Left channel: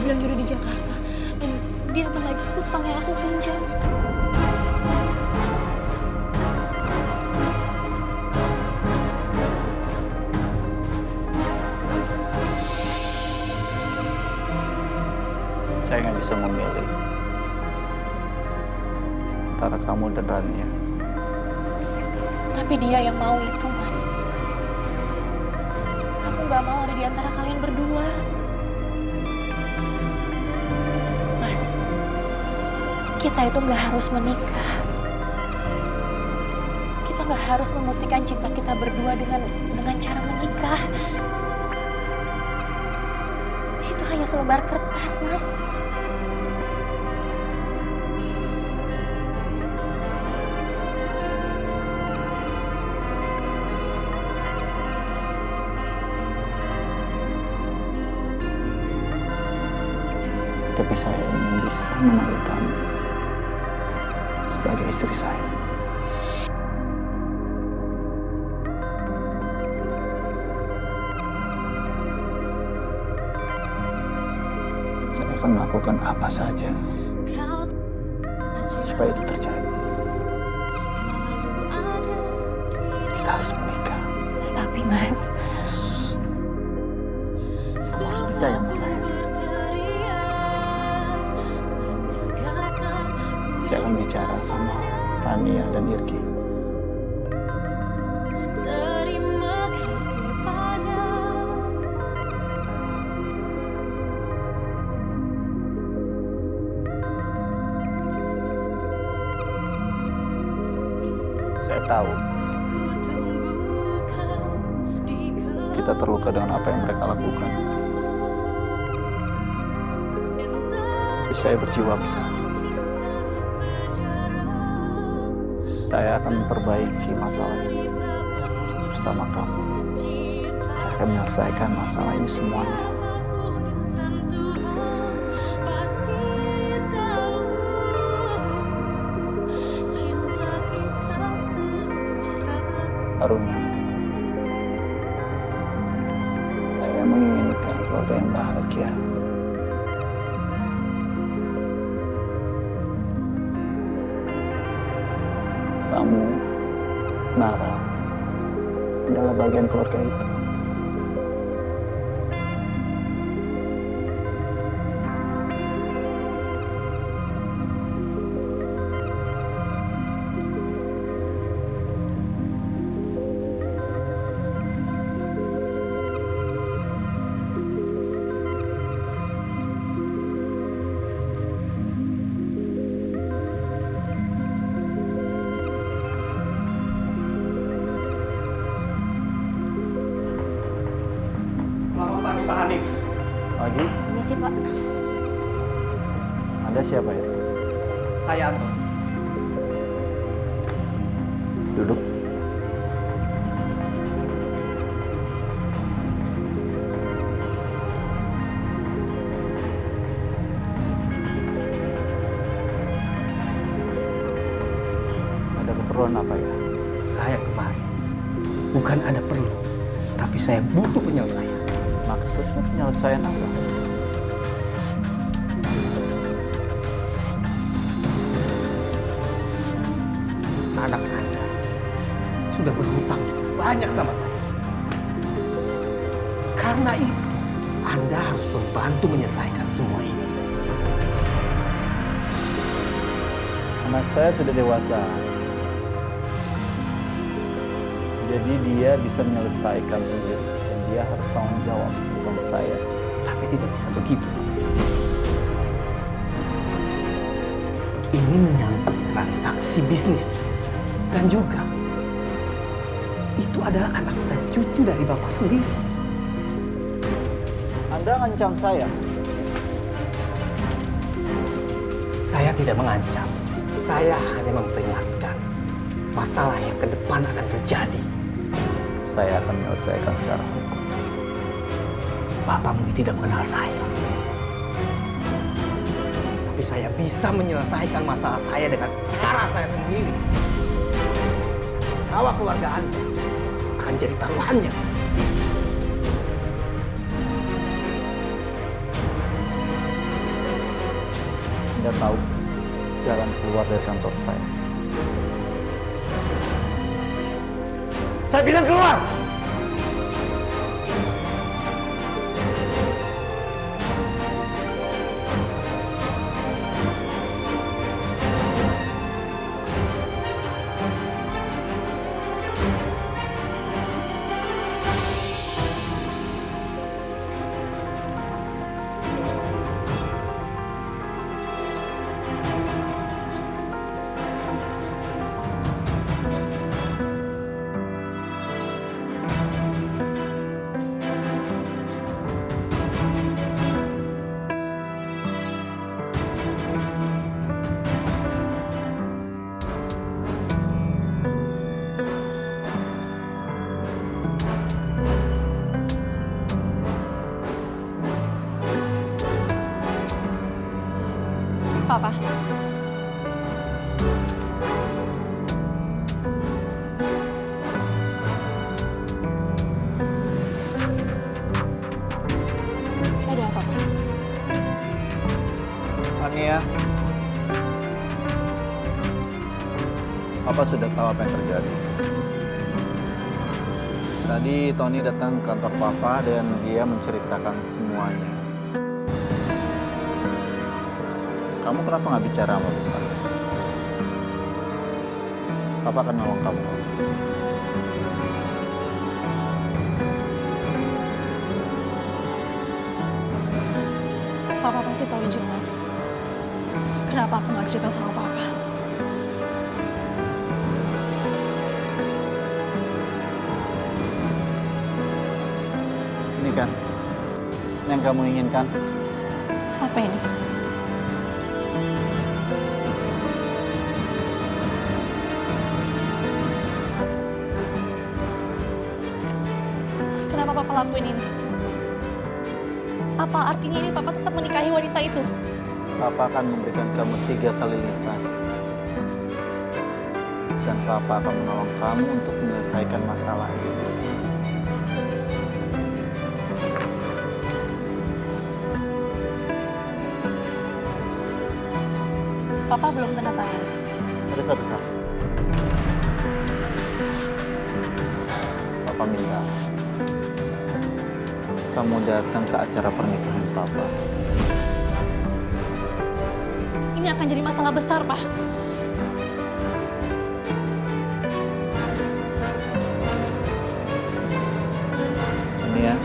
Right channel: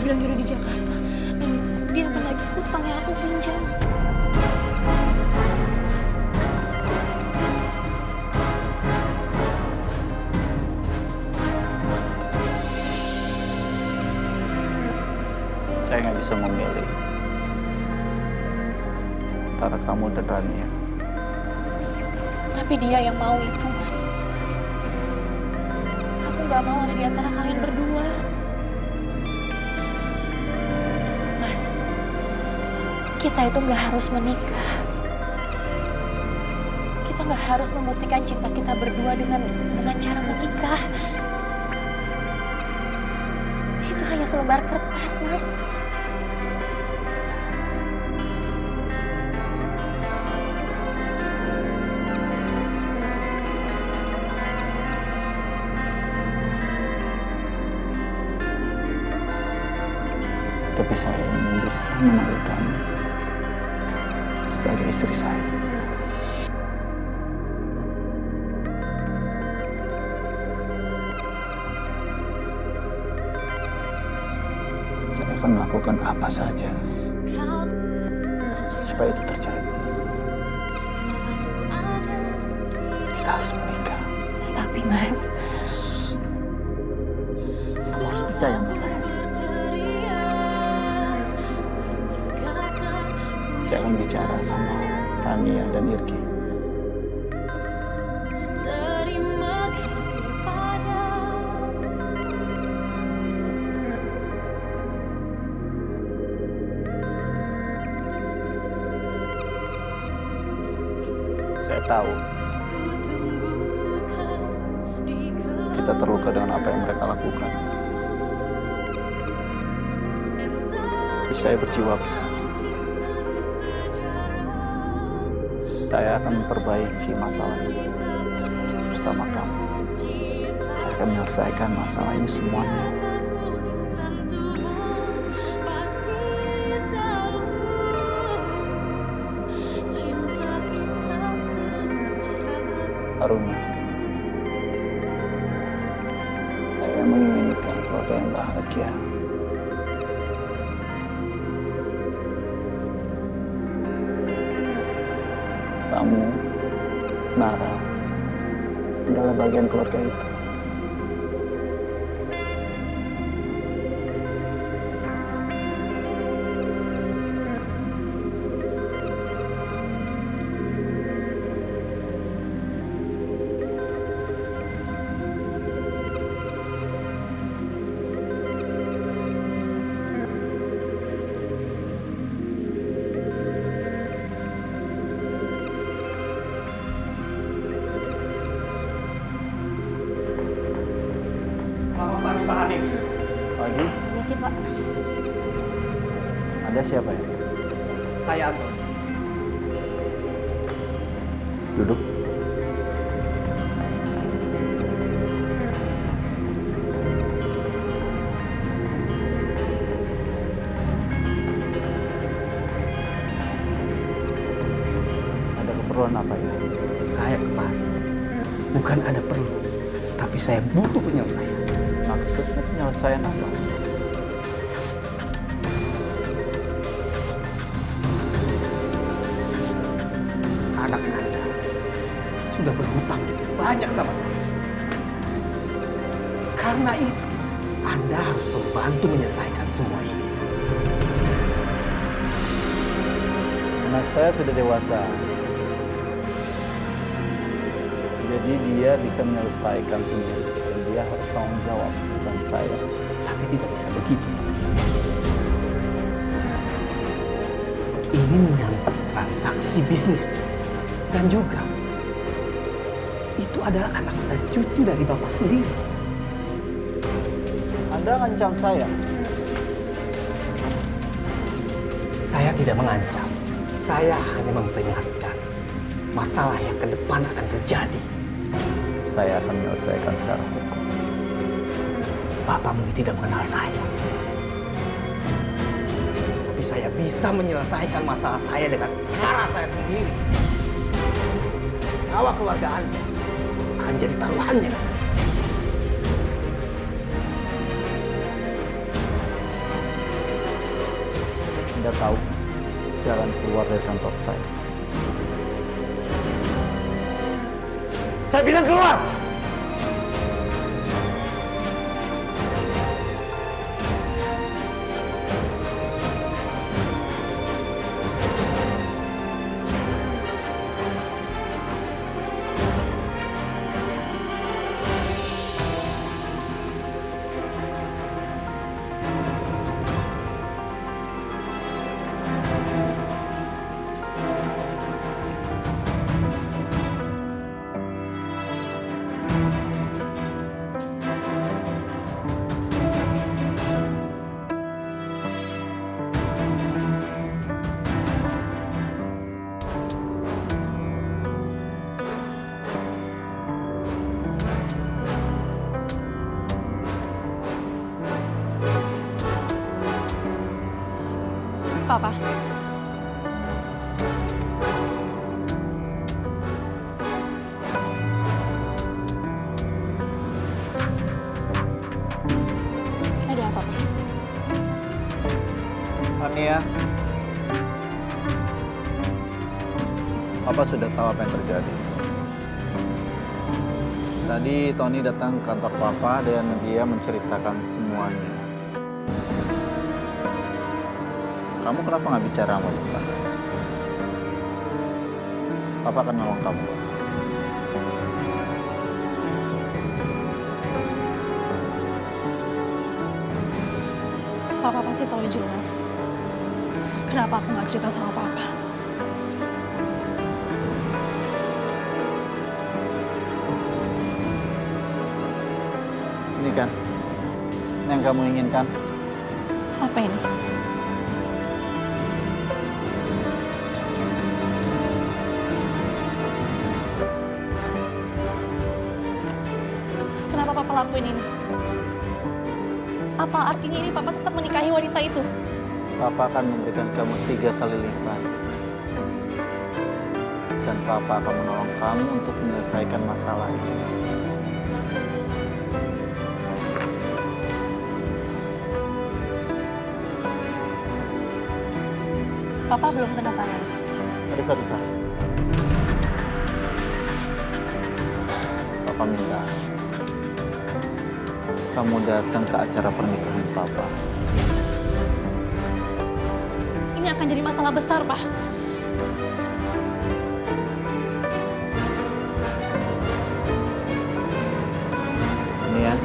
dia bilang dia udah di Jakarta. Dan dia menagih hutang yang aku pinjam. Saya nggak bisa memilih antara kamu dan Rania. Tapi dia yang mau itu, Mas. Aku nggak mau ada di antara kalian berdua. Mas, kita itu nggak harus menikah. Kita nggak harus membuktikan cinta kita berdua dengan cara menikah. Itu hanya selembar kertas, Mas. Tapi saya ingin bisa memanggil kamu sebagai istri saya. Saya akan melakukan apa saja supaya itu terjadi. Kita harus menikah. Tapi, Mas, Kamu harus percaya sama saya. Saya akan bicara sama Rania dan Irgi. Saya tahu kita terluka dengan apa yang mereka lakukan. Tapi saya berjiwa besar. Saya akan memperbaiki masalah ini bersama kamu. Saya akan menyelesaikan masalah ini semuanya. Aruna, saya menginginkan keluarga yang bahagia. Kamu, Nara, adalah bagian keluarga itu. Selamat pagi Pak Hanif. Pagi, permisi, Pak. Anda siapa ya? Saya Anton. Duduk. Ada keperluan apa ya? Saya kemari. Bukan ada perlu, tapi saya butuh penyelesaian. Maksudnya penyelesaian apa? Anak Anda sudah berhutang banyak sama saya. Karena itu, Anda harus membantu menyelesaikan semua ini. Anak saya sudah dewasa. Jadi dia bisa menyelesaikan sendiri. Dan dia harus tanggung jawab, bukan saya. Tapi tidak bisa begitu. Ini menyangkut transaksi bisnis. Dan juga, itu adalah anak dan cucu dari Bapak sendiri. Anda ngancam saya. Saya tidak mengancam. Saya hanya memperingatkan masalah yang ke depan akan terjadi. Saya akan menyelesaikan secara hukum. Bapak mungkin tidak mengenal saya. Tapi saya bisa menyelesaikan masalah saya dengan cara saya sendiri. Nyawa keluarga Anda akan jadi taruhannya. Anda tahu jalan keluar dari kantor saya. Saya bilang keluar! Papa. Ada apa, Pak? Ania, Papa sudah tahu apa yang terjadi. Tadi Tony datang ke kantor Papa dan dia menceritakan semuanya. Kamu kenapa nggak bicara sama Bapak? Papa akan nolong kamu. Papa pasti tahu jelas. Kenapa aku nggak cerita sama Papa? Ini kan yang kamu inginkan. Apa ini? Kenapa Papa lakuin ini? Apa artinya ini Papa tetap menikahi wanita itu? Papa akan memberikan kamu 3 kali lipat. Dan Papa akan menolong kamu untuk menyelesaikan masalah ini. Papa belum tanda tangan. Ada satu saat. Papa minta kamu datang ke acara pernikahan Papa. Ini akan jadi masalah besar, Pak. Ini ya.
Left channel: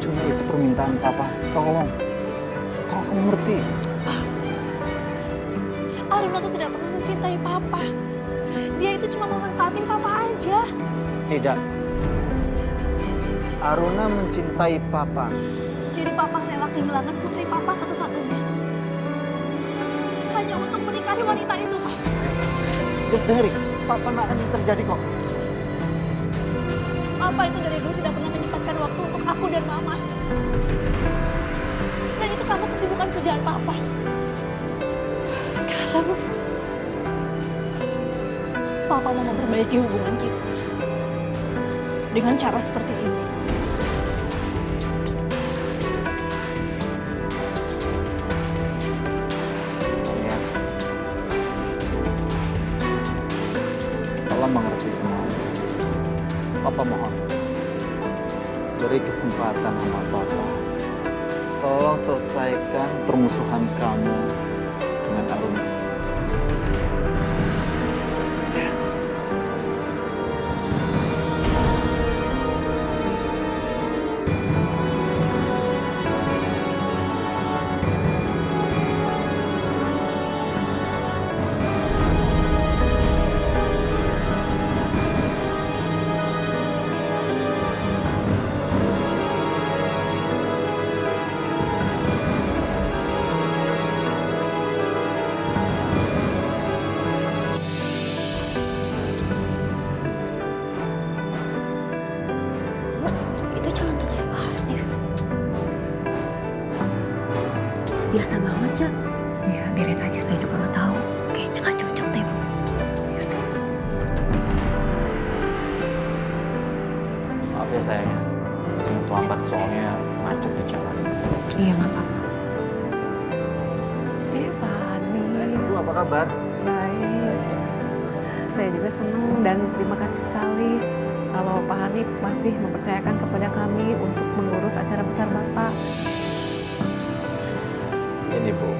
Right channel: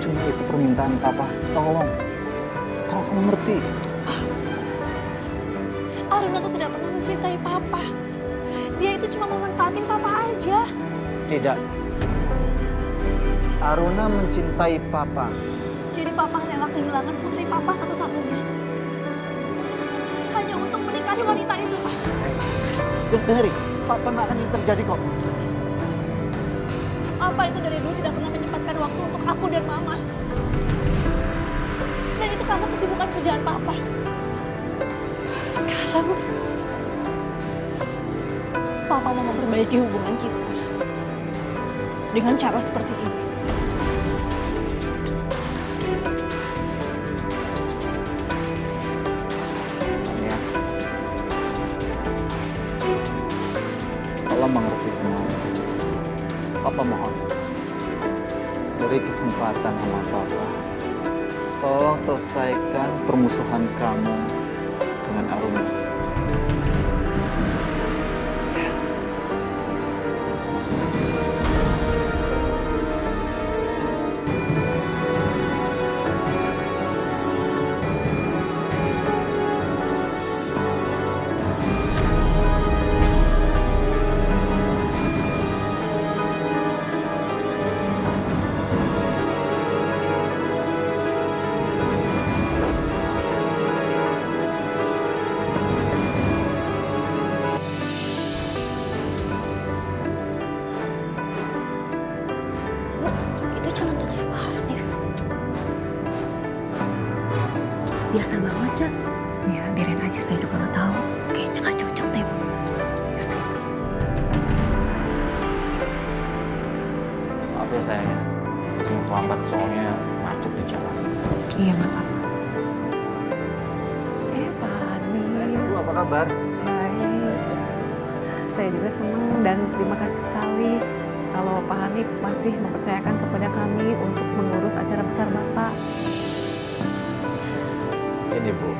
Cuma itu permintaan Papa. Tolong kamu ngerti. Aruna tuh tidak pernah mencintai Papa. Dia itu cuma memanfaatin Papa aja. Tidak. Aruna mencintai Papa. Jadi Papa rela kehilangan putri Papa satu-satunya. Hanya untuk menikahi wanita itu, Pak. Dengerin, Papa nggak akan terjadi kok. Papa itu dari dulu tidak pernah menyempatkan waktu untuk aku dan Mama. Dan itu karena kesibukan kerjaan Papa. Sekarang, Papa mau memperbaiki hubungan kita dengan cara seperti ini. Ya. Tolong mengerti semua. Papa mohon, beri kesempatan sama Papa. Tolong selesaikan permusuhan kamu dengan Aruna. Itu calon tunangannya Pak Hanif. Biasa banget, Cak. Ya, biarin aja, saya juga nggak tahu. Kayaknya nggak cocok deh, Bu. Ya sih. Maaf ya sayang, terlambat soalnya macet di jalan. Iya, nggak apa-apa. kabar? Baik. Saya juga senang dan terima kasih sekali kalau Pak Hanif masih mempercayakan kepada kami untuk mengurus acara besar Bapak. Ini Bu,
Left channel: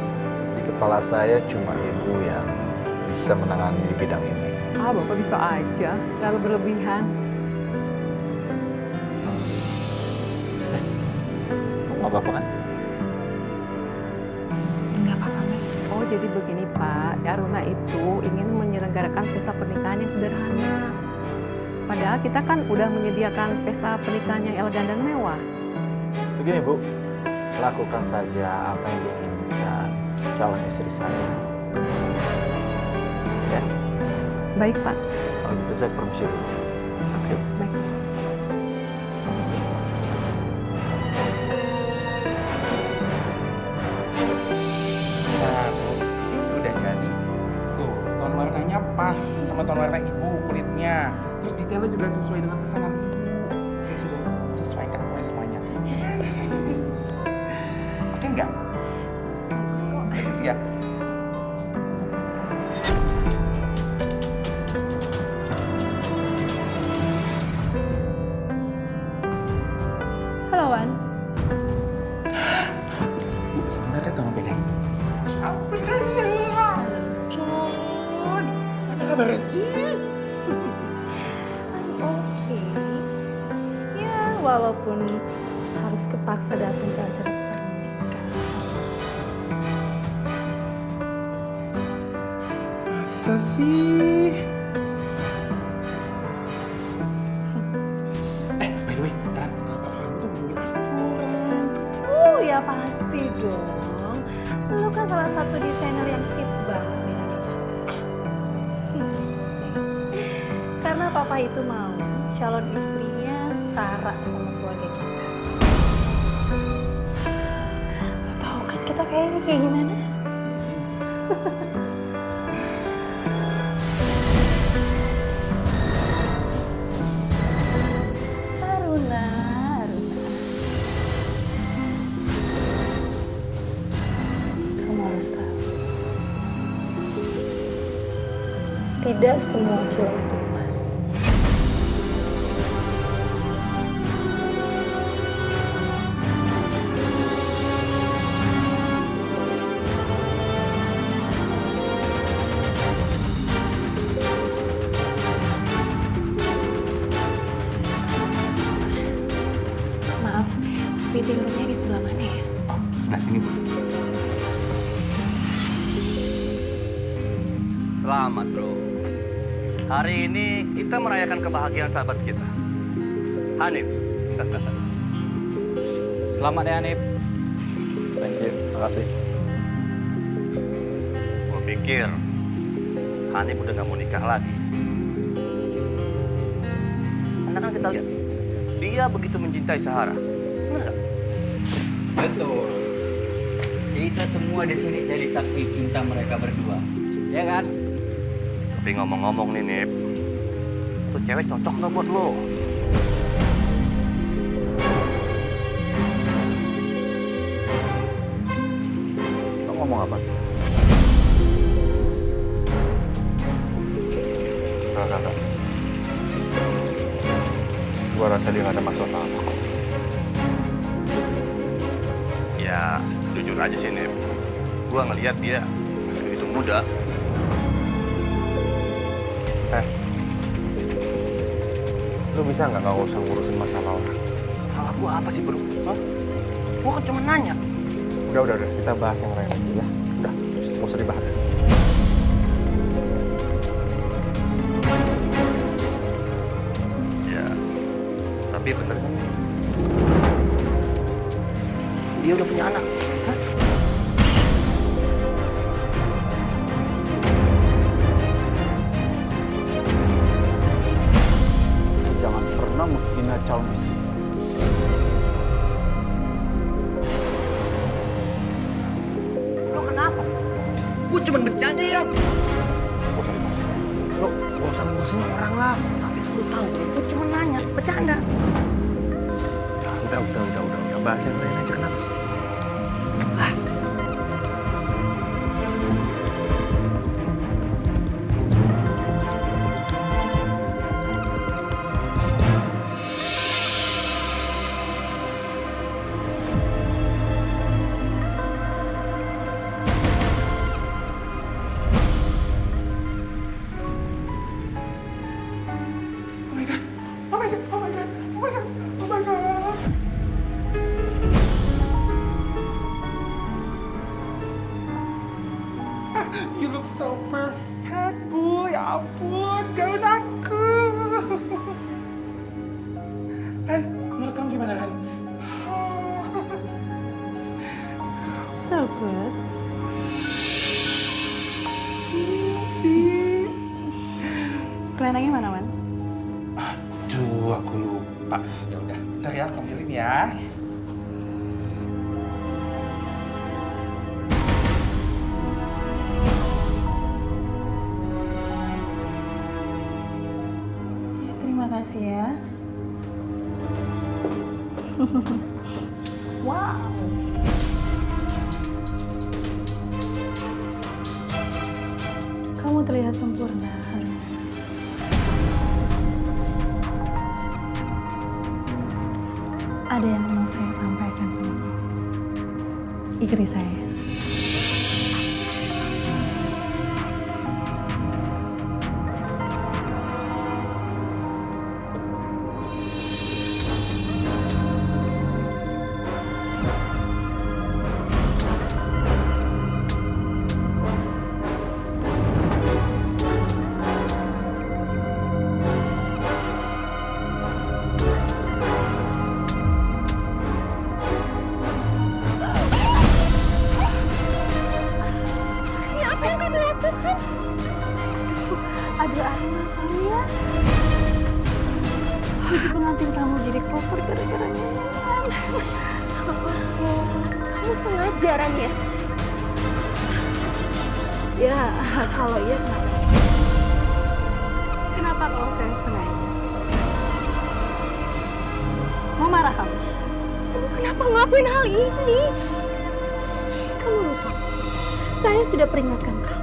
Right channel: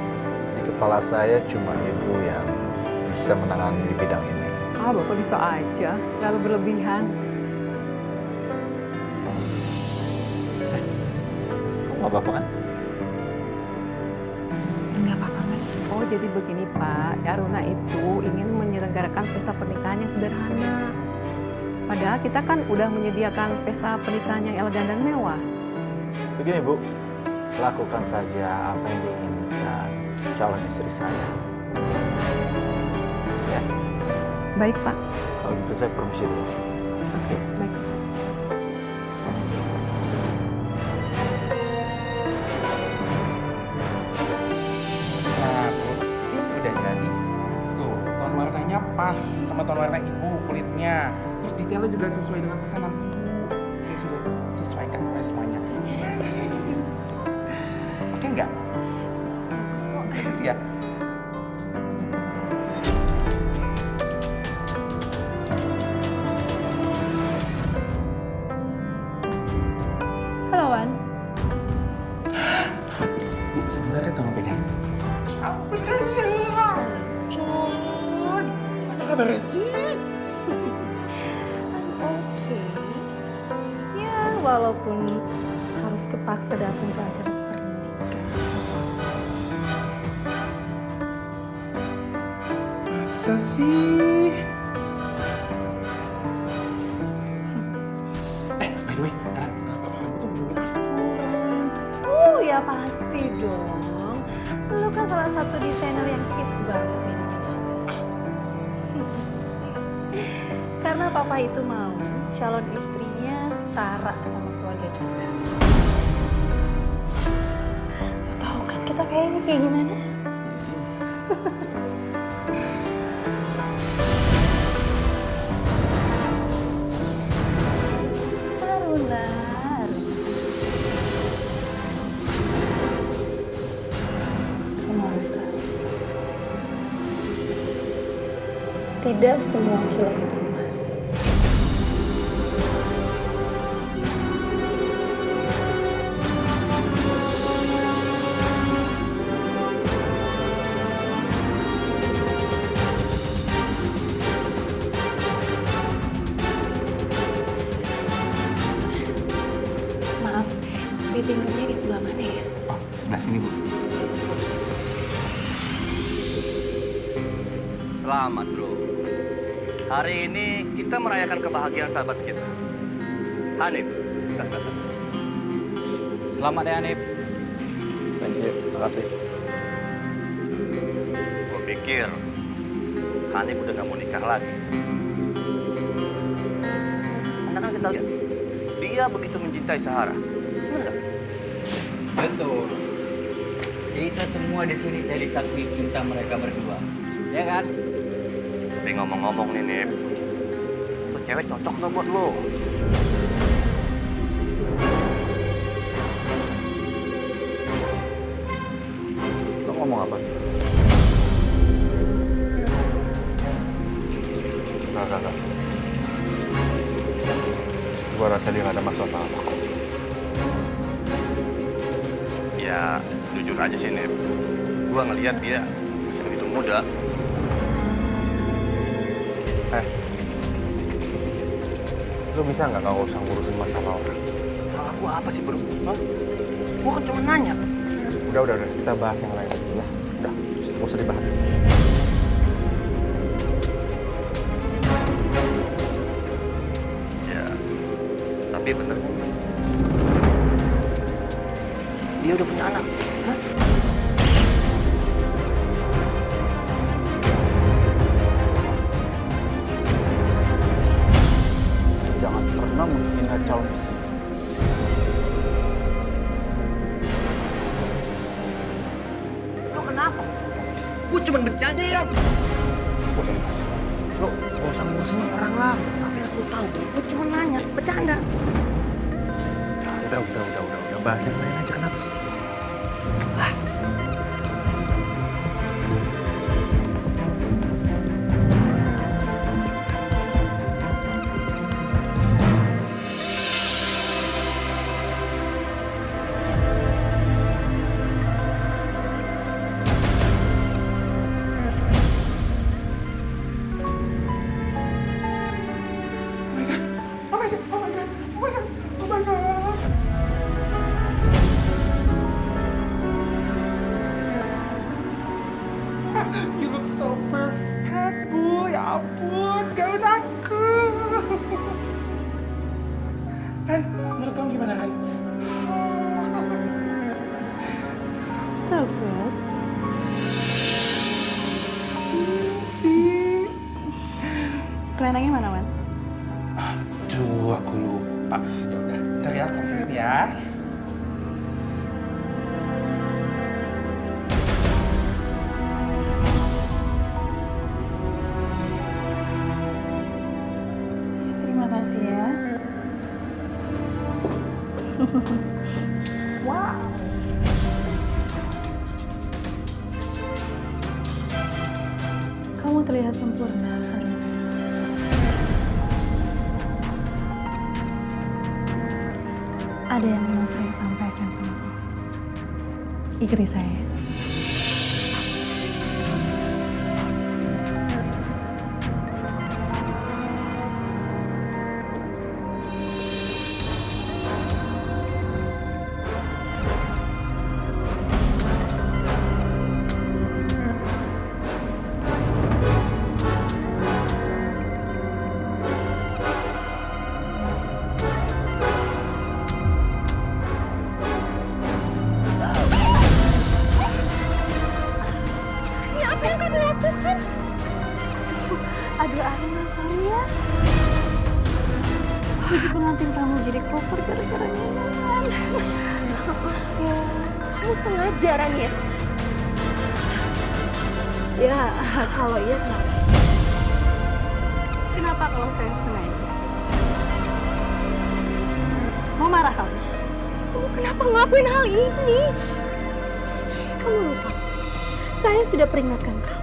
di kepala saya cuma Ibu yang bisa menangani di bidang ini. Bapak bisa aja, terlalu berlebihan. Kamu nggak apa-apa kan? Nggak apa-apa, Mas. Oh, jadi begini Pak, Aruna itu ingin menyelenggarakan pesta pernikahan yang sederhana. Padahal kita kan udah menyediakan pesta pernikahan yang elegan dan mewah. Begini Bu, lakukan saja apa yang diinginkan calon istri saya. Ya, Baik Pak. kalau gitu saya permisi dulu. Oke, baik. Nah, Bu, ini udah jadi. Tuh, tone warnanya pas sama tone warna Ibu kulitnya. Terus detailnya juga sesuai dengan pesanan Ibu. Saya sudah sesuaikan semuanya. Oke nggak? Bagus kok. Bagus ya? Halo, Wan. Bu, sebentar ya tolong pegang. Beneran ya? Con, apa kabar sih? Oke. Ya, walaupun harus kepaksa datang ke acara pernikahan. Masa sih? By the way, Ran, papa kamu tuh ngomongin aku, Ran. Oh ya pasti dong. Lu kan salah satu desainer yang hits banget di Indonesia. Karena papa itu mau calon istrinya setara sama keluarga kita. Lu tahu kan kita kayaknya kayak gimana? Aruna, Aruna. Kamu harus tahu. Tidak semua kilo itu emas. Maaf, fitting roomnya di sebelah mana ya? Oh, sebelah sini, Bu. Selamat bro. Hari ini kita merayakan kebahagiaan sahabat kita, Hanif. Selamat ya Hanif. Thank you, makasih. Gue pikir Hanif udah gak mau nikah lagi. Karena kan kita lihat, dia begitu mencintai Sahara. Benar nggak? Betul. Kita semua di sini jadi saksi cinta mereka berdua. Ya kan? Tapi ngomong-ngomong nih, Nip, tuh cewek cocok nggak buat lo? Lo ngomong apa sih? Enggak. Gua rasa dia nggak ada maksud apa-apa. Ya, jujur aja sih, Nip. Gua ngelihat dia masih begitu muda. Lo bisa nggak usah ngurusin masalah orang? Salah gua apa sih, bro? Hah? Gua kan cuma nanya. Udah, kita bahas yang lain aja ya. Udah, nggak usah dibahas. Ya, tapi bener kan? Dia udah punya anak. Hah? Jangan pernah menghina calon istri. Lo kenapa? Gua cuma bercanda ya. Gak usah dibahas. Lo gak usah ngurusin orang lah. Tapi lu tahu, gua cuma nanya, bercanda. Udah. Bahas yang lain aja, kenapa sih? You look so perfect, Bu. Ya ampun, gaun aku. Han, menurut kamu gimana, Han? So good. Sih. Selenangnya mana, Man? Aduh, aku lupa. Ya udah, ntar ya, kamu kirim ya. Terima kasih ya. Wow. Kamu terlihat sempurna, Haruna. Ada yang mau saya sampaikan sama kamu. Ikuti saya. Aduh Arna, sorry ya. Baju pengantin kamu jadi kotor gara-gara minuman. Ya. Kamu sengaja, Rania? Ya, kalau iya kenapa? Kenapa kalau saya sengaja? Mau marah kamu? Kamu kenapa ngelakuin hal ini? Kamu lupa, saya sudah peringatkan kamu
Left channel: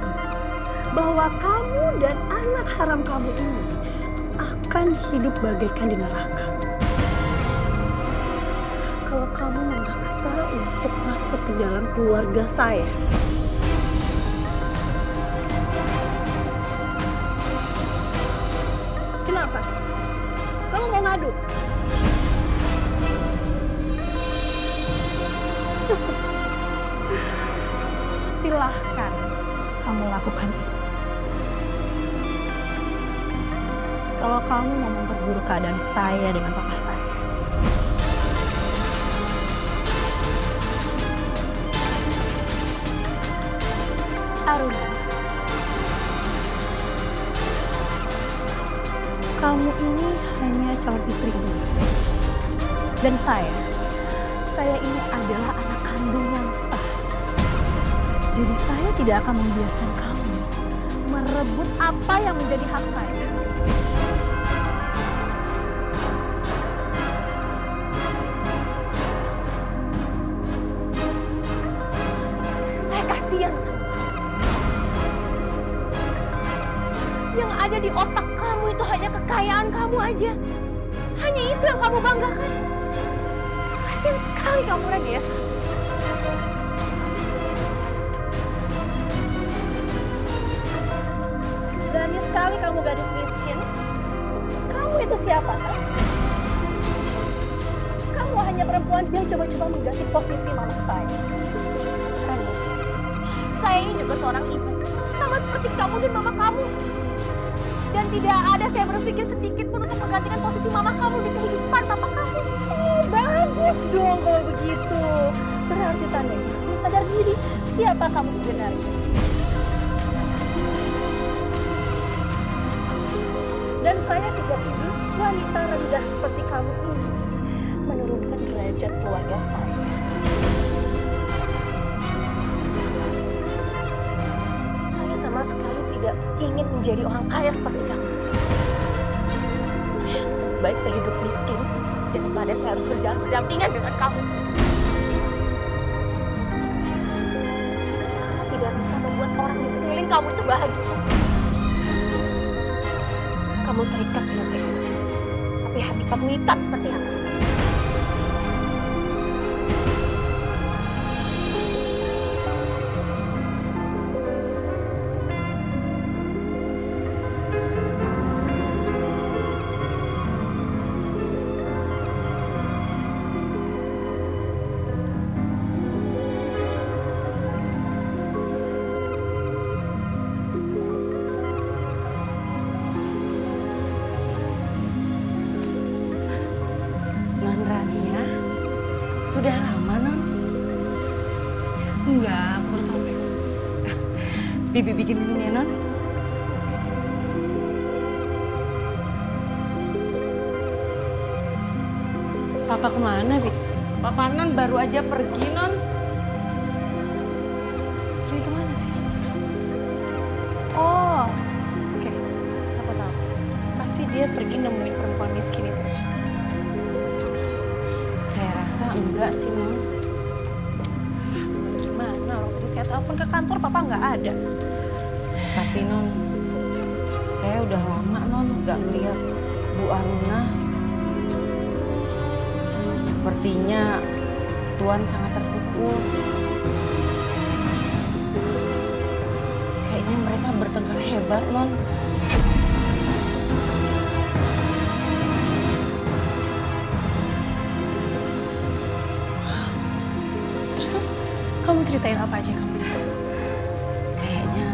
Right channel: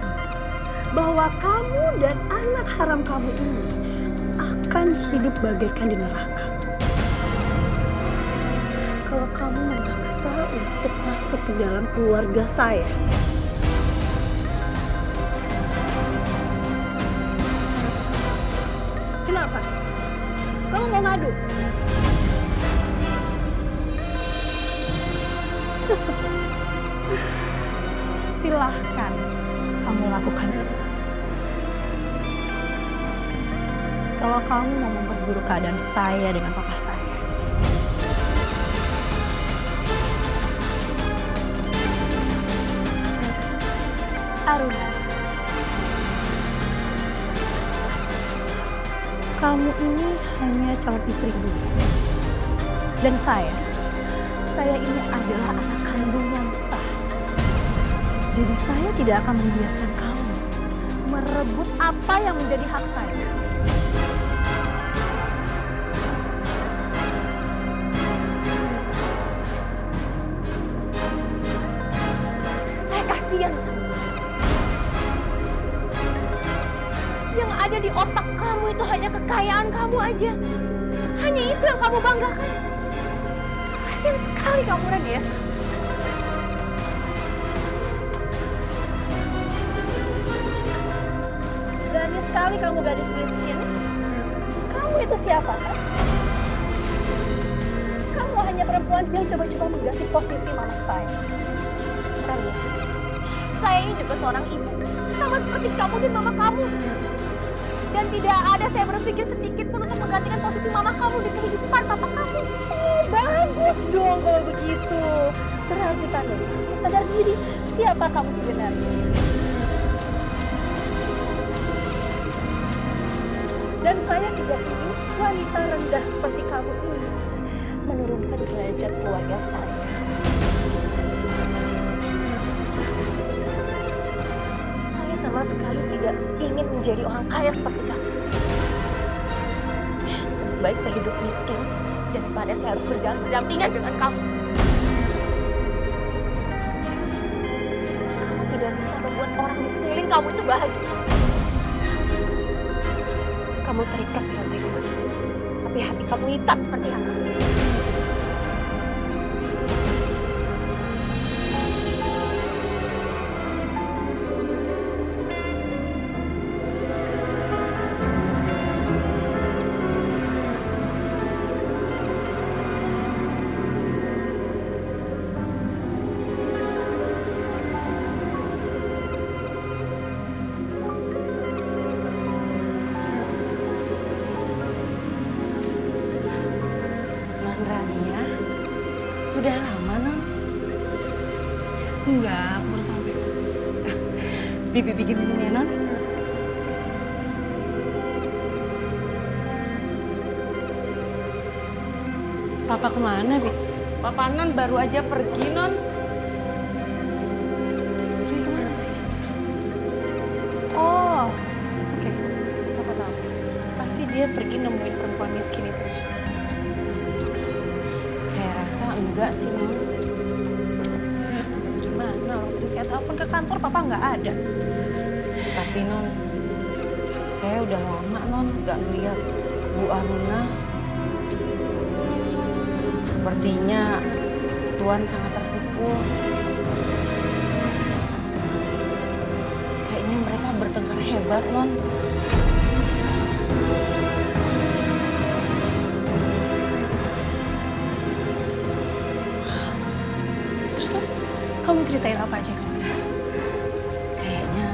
bahwa kamu dan anak haram kamu ini akan hidup bagaikan di neraka. Kalau kamu memaksa untuk masuk ke dalam keluarga saya. Kenapa? Kamu mau ngadu? Silahkan kamu lakukan itu. Kalau kamu mau memperburuk keadaan saya dengan papa saya. Aruna, kamu ini hanya calon istri gue. Dan saya ini adalah anak kandung yang sah. Jadi saya tidak akan membiarkan kamu merebut apa yang menjadi hak saya. Saya kasihan sama kamu. Yang ada di otak kamu itu hanya kekayaan kamu aja. Hanya itu yang kamu banggakan. Kasihan sekali kamu, Rania. Berani sekali kamu gadis miskin. Kamu itu siapa kan? Kamu hanya perempuan yang coba-coba mengganti posisi mama saya. Rania, saya ini juga seorang ibu. Sama seperti kamu dan mama kamu. Dan tidak ada saya berpikir sedikit pun untuk menggantikan posisi mama kamu di kehidupan papa kamu. Oh, bagus dong kalau begitu. Berarti tandanya kamu sadar diri siapa kamu sebenarnya. Dan saya tidak ingin wanita rendah seperti kamu ini menurunkan derajat keluarga saya. Saya sama sekali tidak ingin menjadi orang kaya seperti kamu. Lebih baik saya hidup miskin daripada saya harus berjalan berdampingan dengan kamu. Kamu tidak bisa membuat orang di sekeliling kamu itu bahagia. Kamu terikat dengan emas, tapi hati kamu hitam seperti apa? Enggak, aku baru sampai. Bibi bikin minum ya, Non? Papa kemana, Bi? Papa Non baru aja pergi, Non. Pergi kemana sih? Oh, oke. Aku tahu. Pasti dia pergi nemuin perempuan miskin itu ya. Saya rasa enggak sih, Non. Gimana? Orang tadi saya telepon ke kantor, Papa nggak ada. Tapi Non, saya udah lama Non nggak ngeliat Bu Aruna. Sepertinya Tuan sangat terpukul. Kayaknya mereka bertengkar hebat, Non. Terus kamu ceritain apa aja kamu? Kayaknya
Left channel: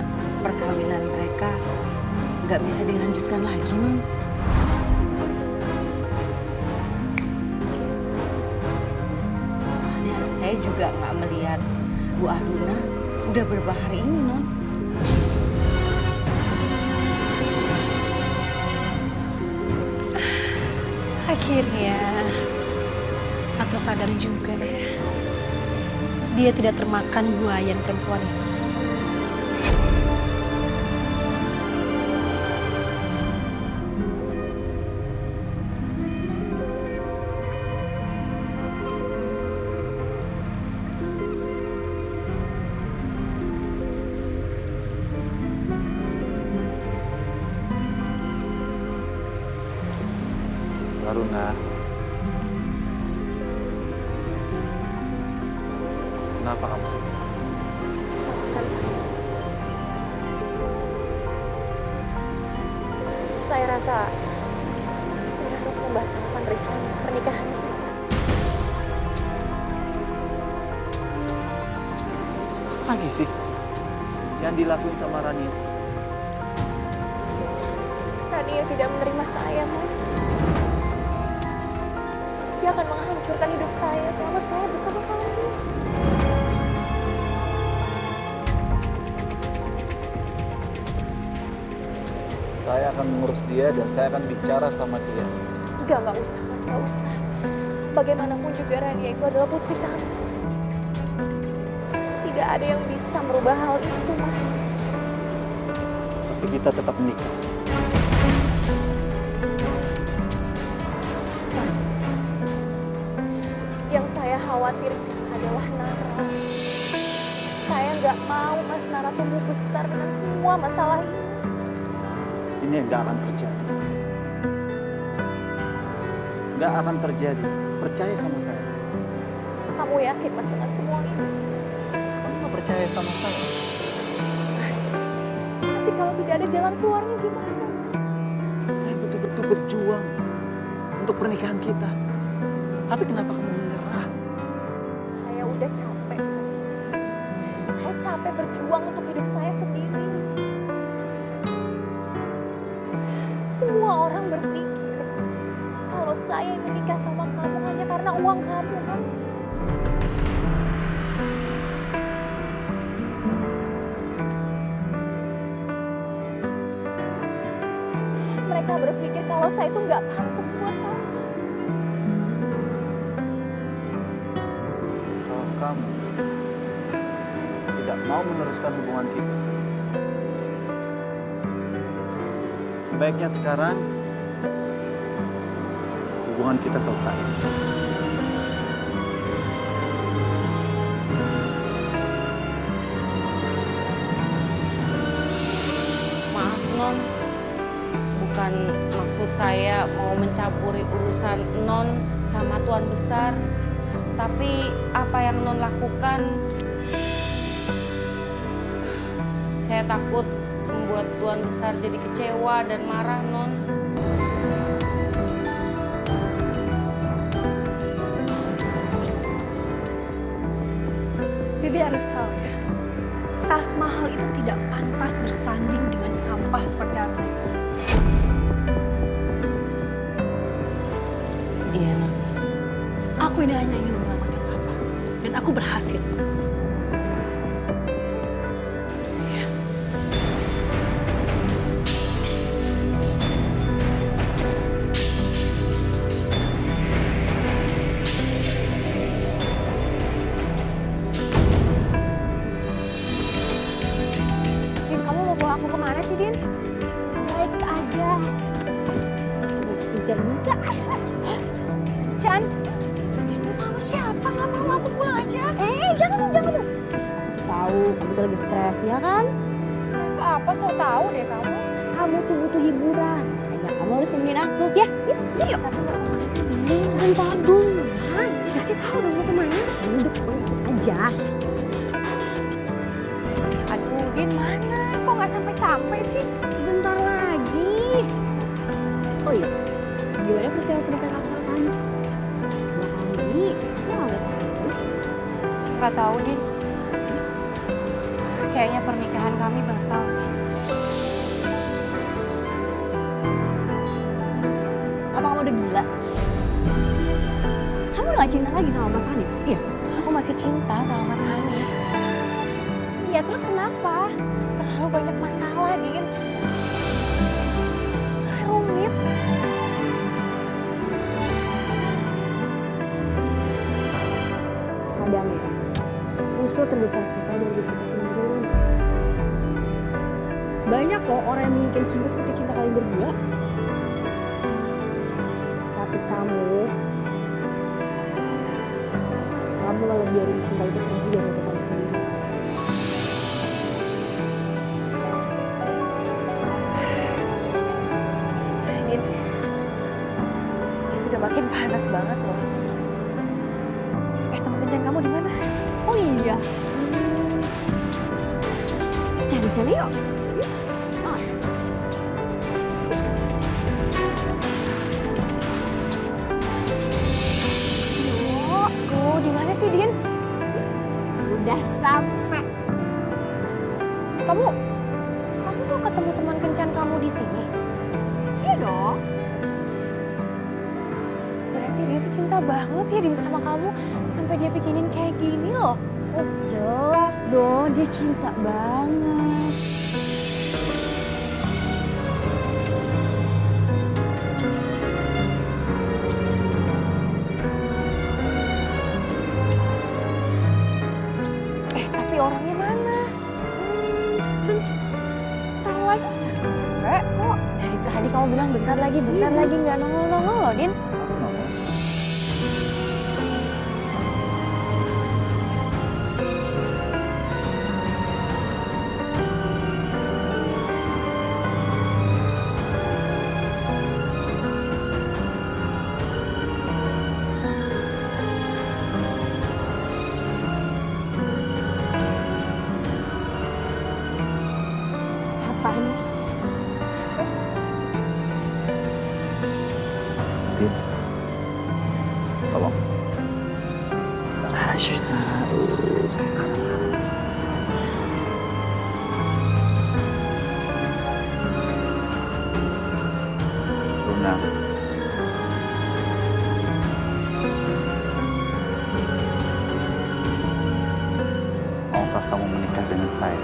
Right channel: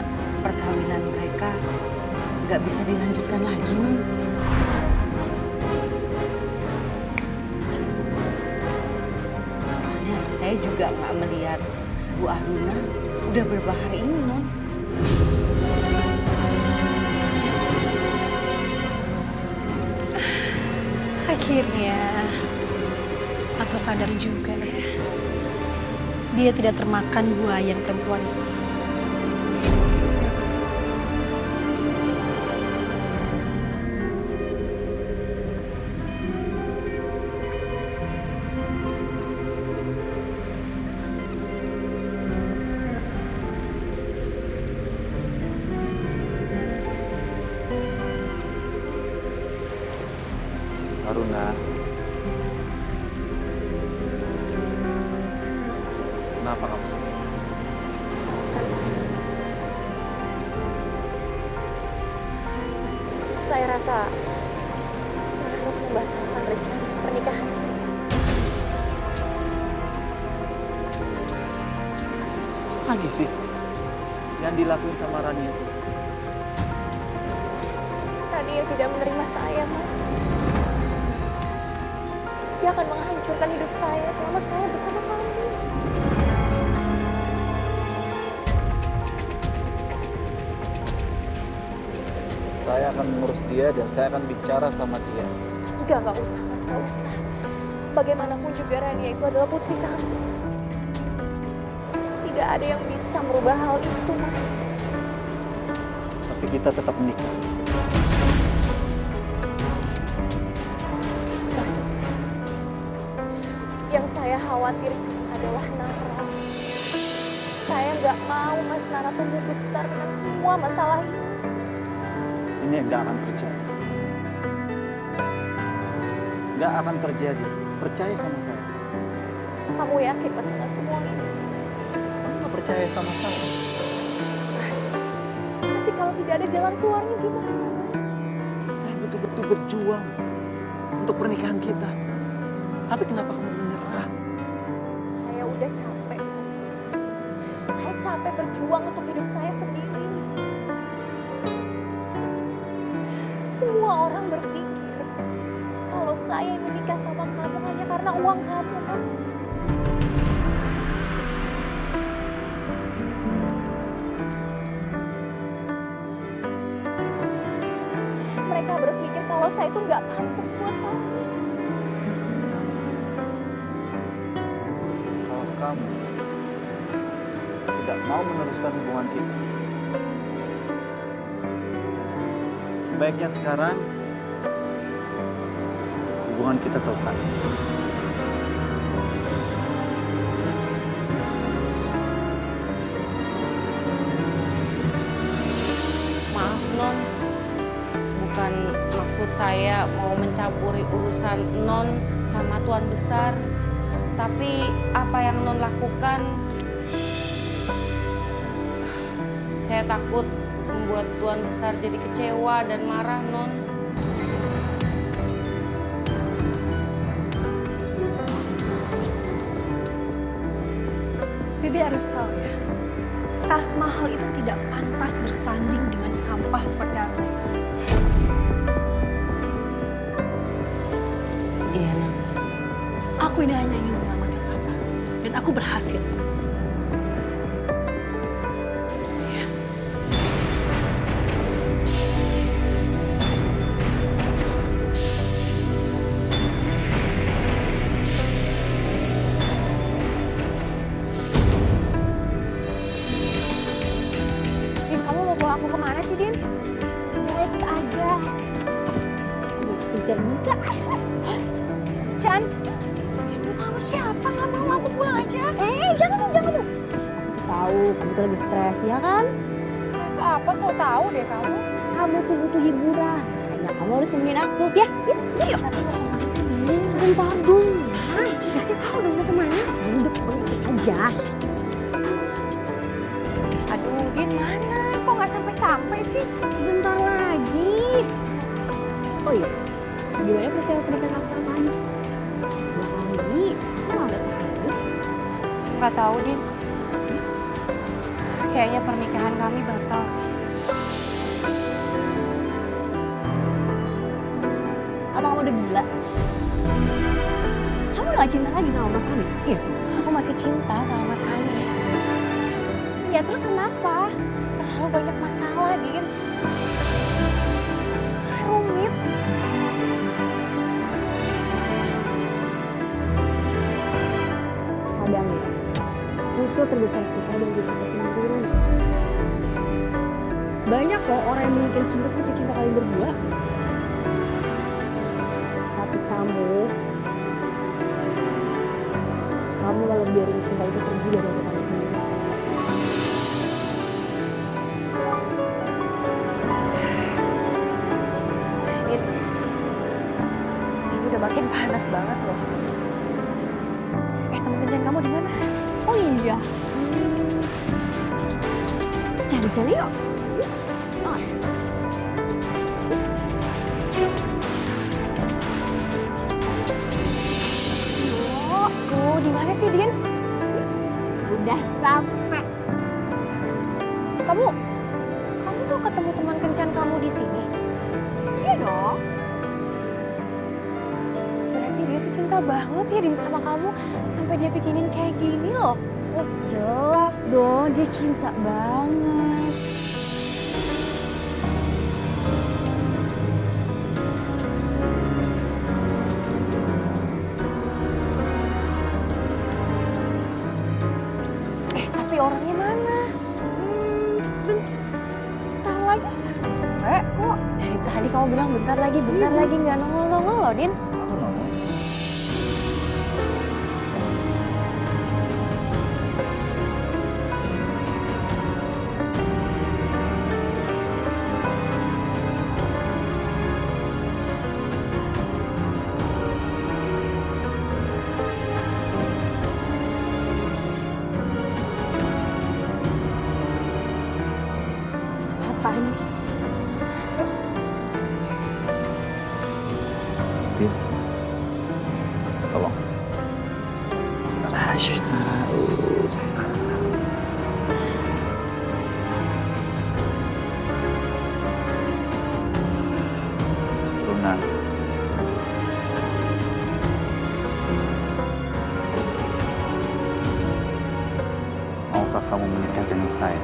perkawinan mereka nggak bisa dilanjutkan lagi, Non. Soalnya saya juga nggak melihat Bu Aruna udah berapa hari ini, Non. Akhirnya Pak sadar juga ya. Dia tidak termakan buayan perempuan itu. Aruna, kenapa kamu sedih? Saya rasa saya harus membatalkan rencana pernikahan itu. Apa lagi sih yang dilakuin sama Rania? Tadi yang tidak menerima saya, Mas. Dia akan menghancurkan hidup saya selama saya bersama kamu. Saya akan mengurus dia dan saya akan bicara sama dia. Enggak usah, Mas, enggak usah. Bagaimanapun juga Rania itu adalah putri kamu. Tidak ada yang bisa merubah hal itu, Mas. Tapi kita tetap menikah. Mas, yang saya khawatirkan adalah Nara. Saya nggak mau Mas Nara tumbuh besar dengan semua masalah ini. Ini nggak akan terjadi. Nggak akan terjadi. Percaya sama saya. Kamu yakin, Mas, dengan semua ini? Kamu nggak percaya sama saya? Mas, tapi kalau tidak ada jalan keluarnya gimana, Mas? Saya betul-betul berjuang untuk pernikahan kita. Tapi kenapa kamu menyerah? Saya udah capek, Mas. Saya capek berjuang untuk hidup saya sendiri. Semua orang berpikir kalau saya menikah sama kamu hanya karena uang kamu, Mas. Mereka berpikir kalau saya itu nggak pantas buat kamu. Kalau kamu tidak mau meneruskan hubungan kita, sebaiknya sekarang hubungan kita selesai. Maaf, Non. Bukan maksud saya mau mencampuri urusan Non sama Tuan Besar. Tapi apa yang Non lakukan, saya takut membuat Tuan Besar jadi kecewa dan marah, Non. Bibi harus tahu ya, tas mahal itu tidak pantas bersanding dengan sampah seperti Aruna itu. Iya, Non. Aku ini hanya ingin menyelamatkan Papa, dan aku berhasil. Kencan. Kencan dulu kamu siapa? Nggak mau, aku pulang aja. Jangan dong. Aku tahu kamu tuh lagi stres, ya kan? Stres apa? So tahu deh kamu. Kamu tuh butuh hiburan. Makanya kamu harus temenin aku. Ya, yuk. Tapi mau kemana nih? Sebentar dong. Kasih tahu dong mau kemana. Udah pokoknya ikut aja. Aduh, Din mana? Kok nggak sampai-sampai sih? Sebentar lagi. Oh iya, gimana persiapan pernikahan aku sama kamu? Belakangan ini, kok nggak lihat aku? Nggak tahu, Din. Kayaknya pernikahan kami batal. Apa kamu udah gila? Kamu udah gak cinta lagi sama Mas Hani? Iya. Aku masih cinta sama Mas Hani. Ya terus kenapa? Terlalu banyak masalah, Din. Rumit. Kadang ya, musuh terbesar kita dari diri kita sendiri. Banyak loh orang yang menginginkan cinta seperti cinta kalian berdua. Tapi kamu malah biarin cinta itu pergi dari hati kamu sendiri. Din, ini udah makin panas banget loh. Teman kencan kamu di mana? Oh iya. Cari sana yuk. Tuh, di mana sih, Din? Udah sampai. Kamu mau ketemu teman kencan kamu di sini? Iya dong. Berarti dia tuh cinta banget ya Din sama kamu sampai dia bikinin kayak gini loh. Oh, jelas dong, dia cinta banget. Tapi orangnya mana? Bentar lagi sampai kok. Dari tadi kamu bilang bentar lagi nggak nongol-nongol loh, Din. Aku nongol. Apaan? Din, tolong. Shh, Nara. Runa. Maukah kamu menikah dengan saya?